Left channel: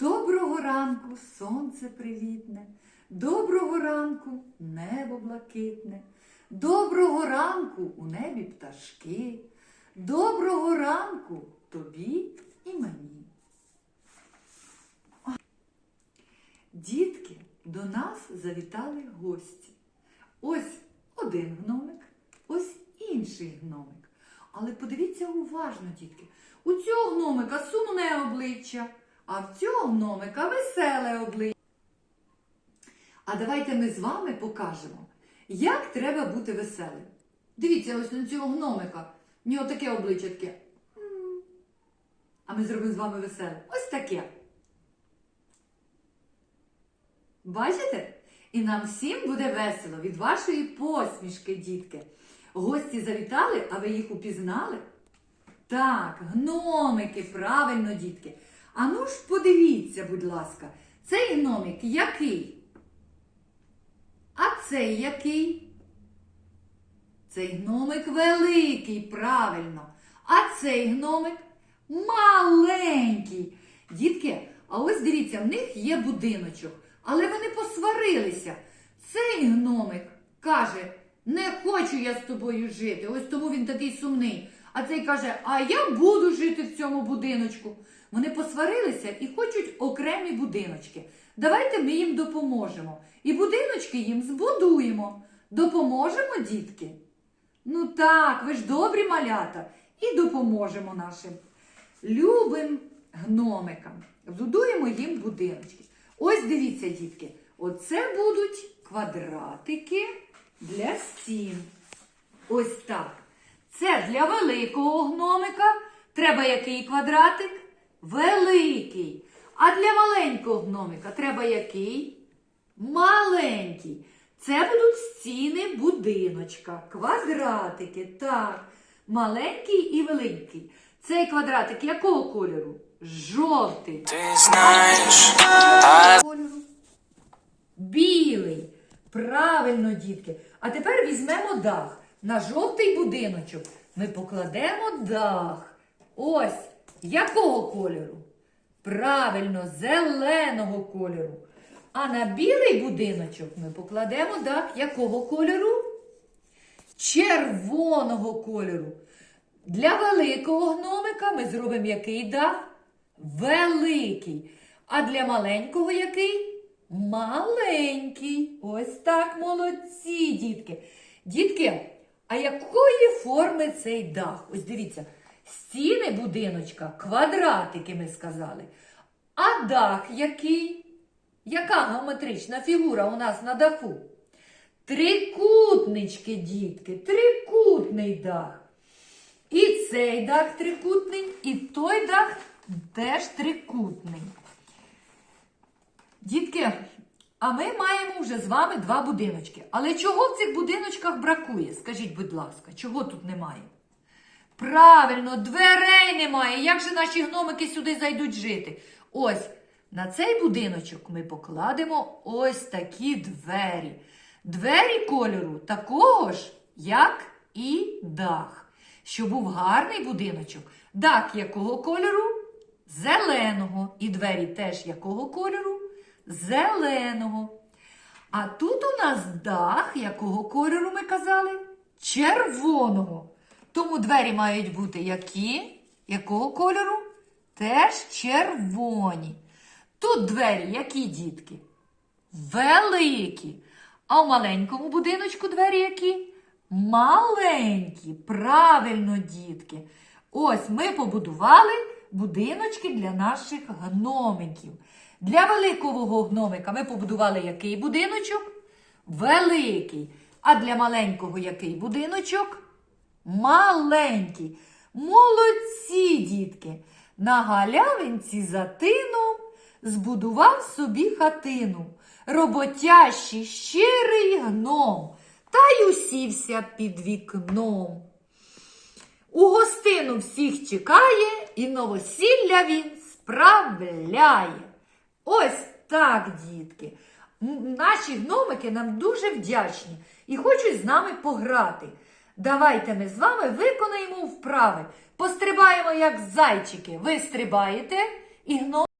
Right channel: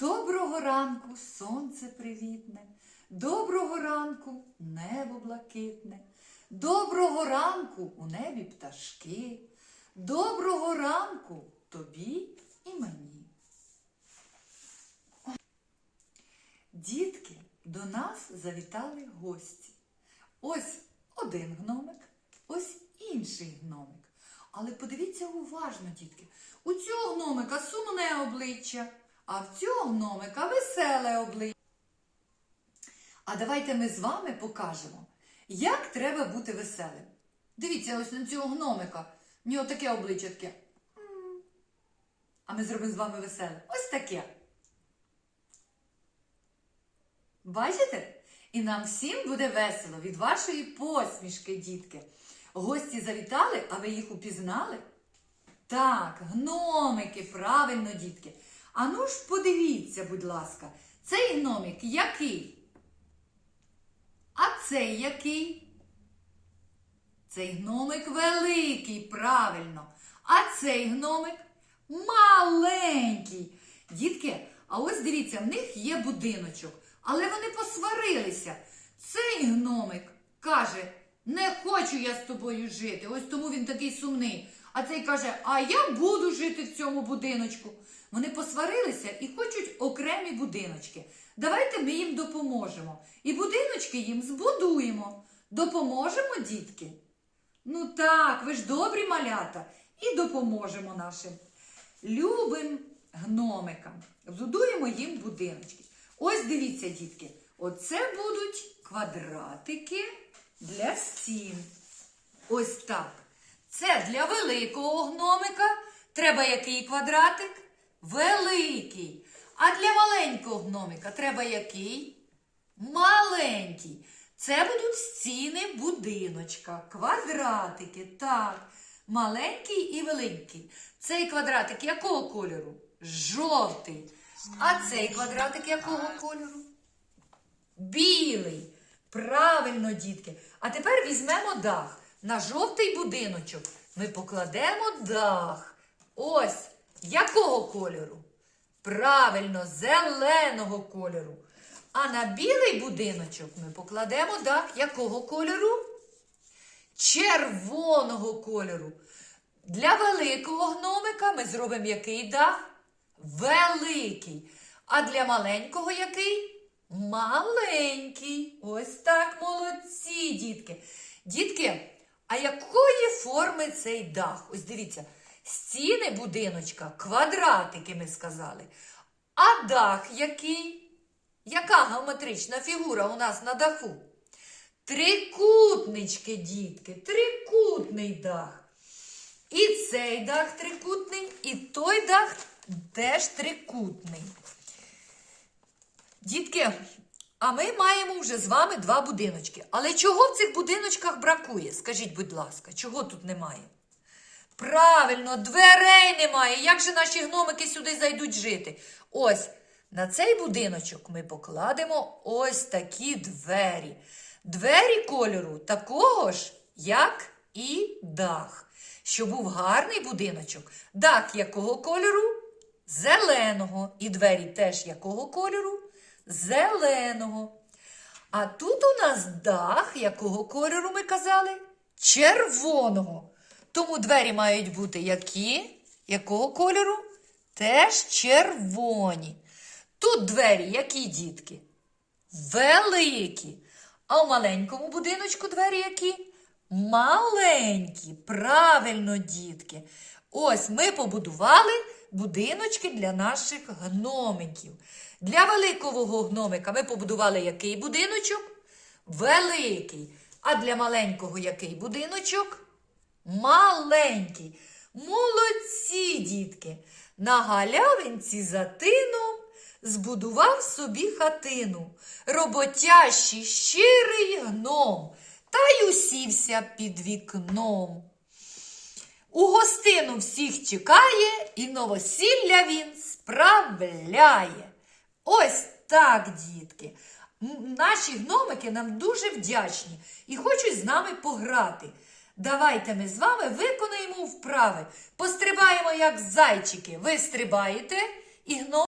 Доброго ранку сонце привітне, доброго ранку небо блакитне, доброго ранку у небі пташки, доброго ранку тобі і мені. Дітки, до нас завітали гості. Ось один гномик, ось інший гномик. Але подивіться уважно, дітки. У цього гномика сумне обличчя, а в цього гномика веселе обличчя. А давайте ми з вами покажемо, як треба бути веселим. Дивіться, ось на цього гномика. В нього таке обличчя таке. А ми зробимо з вами веселе. Ось таке. Бачите? І нам всім буде весело від вашої посмішки, дітки. Гості завітали, а ви їх упізнали? Так, гномики, правильно, дітки. А ну ж подивіться, будь ласка, цей гномик який? А цей який? Цей гномик великий, правильно. А цей гномик маленький. Дітки, а ось дивіться, в них є будиночок, але вони посварилися. Цей гномик каже, не хочу я з тобою жити. Ось тому він такий сумний. А цей каже, а я буду жити в цьому будиночку. Вони посварилися і хочуть окремі будиночки. Давайте ми їм допоможемо. І будиночки їм збудуємо. Допоможемо, дітки? Ну так, ви ж добрі малята. І допоможемо нашим любим гномикам. Збудуємо їм будиночки. Ось дивіться, дітки, оце будуть квадратики для стін. Ось так. Це для великого гномика. Треба який квадратик? Великий. А для маленького гномика треба який? Маленький. Це будуть стіни будиночка, квадратики. Так. Маленький і великий. Цей квадратик якого кольору? Жовтий. Ти знаєш, а кольору? Білий. Правильно, дітки. А тепер візьмемо дах. На жовтий будиночок ми покладемо дах. Ось якого кольору? Правильно, зеленого кольору. А на білий будиночок ми покладемо дах якого кольору? Червоного кольору. Для великого гномика ми зробимо який дах? Великий. А для маленького який? Маленький. Ось так молодці, дітки. Дітки, а якої форми цей дах? Ось дивіться, стіни будиночка, квадратики ми сказали. А дах який? Яка геометрична фігура у нас на даху? Трикутнички, дітки, трикутний дах. І цей дах трикутний, і той дах теж трикутний. Дітки, а ми маємо вже з вами два будиночки. Але чого в цих будиночках бракує? Скажіть, будь ласка, чого тут немає? Правильно, дверей немає. Як же наші гномики сюди зайдуть жити? Ось на цей будиночок ми покладемо ось такі двері. Двері кольору такого ж, як і дах. Щоб був гарний будиночок. Дах якого кольору? Зеленого. І двері теж якого кольору? Зеленого. А тут у нас дах, якого кольору ми казали? Червоного. Тому двері мають бути які? Якого кольору? Теж червоні. Тут двері які дітки? Великі. А у маленькому будиночку двері які? Маленькі. Правильно, дітки. Ось ми побудували будиночки для наших гномиків. Для великого гномика ми побудували який будиночок? Великий. А для маленького який будиночок? Маленький. Молодці, дітки. На галявинці за тином збудував собі хатину. Роботящий щирий гном, та й усівся під вікном. У гостину всіх чекає і новосілля він справляє. Ось так, дітки. Наші гномики нам дуже вдячні і хочуть з нами пограти. Давайте ми з вами виконаємо вправи. Пострибаємо, як зайчики. Ви стрибаєте, і гном.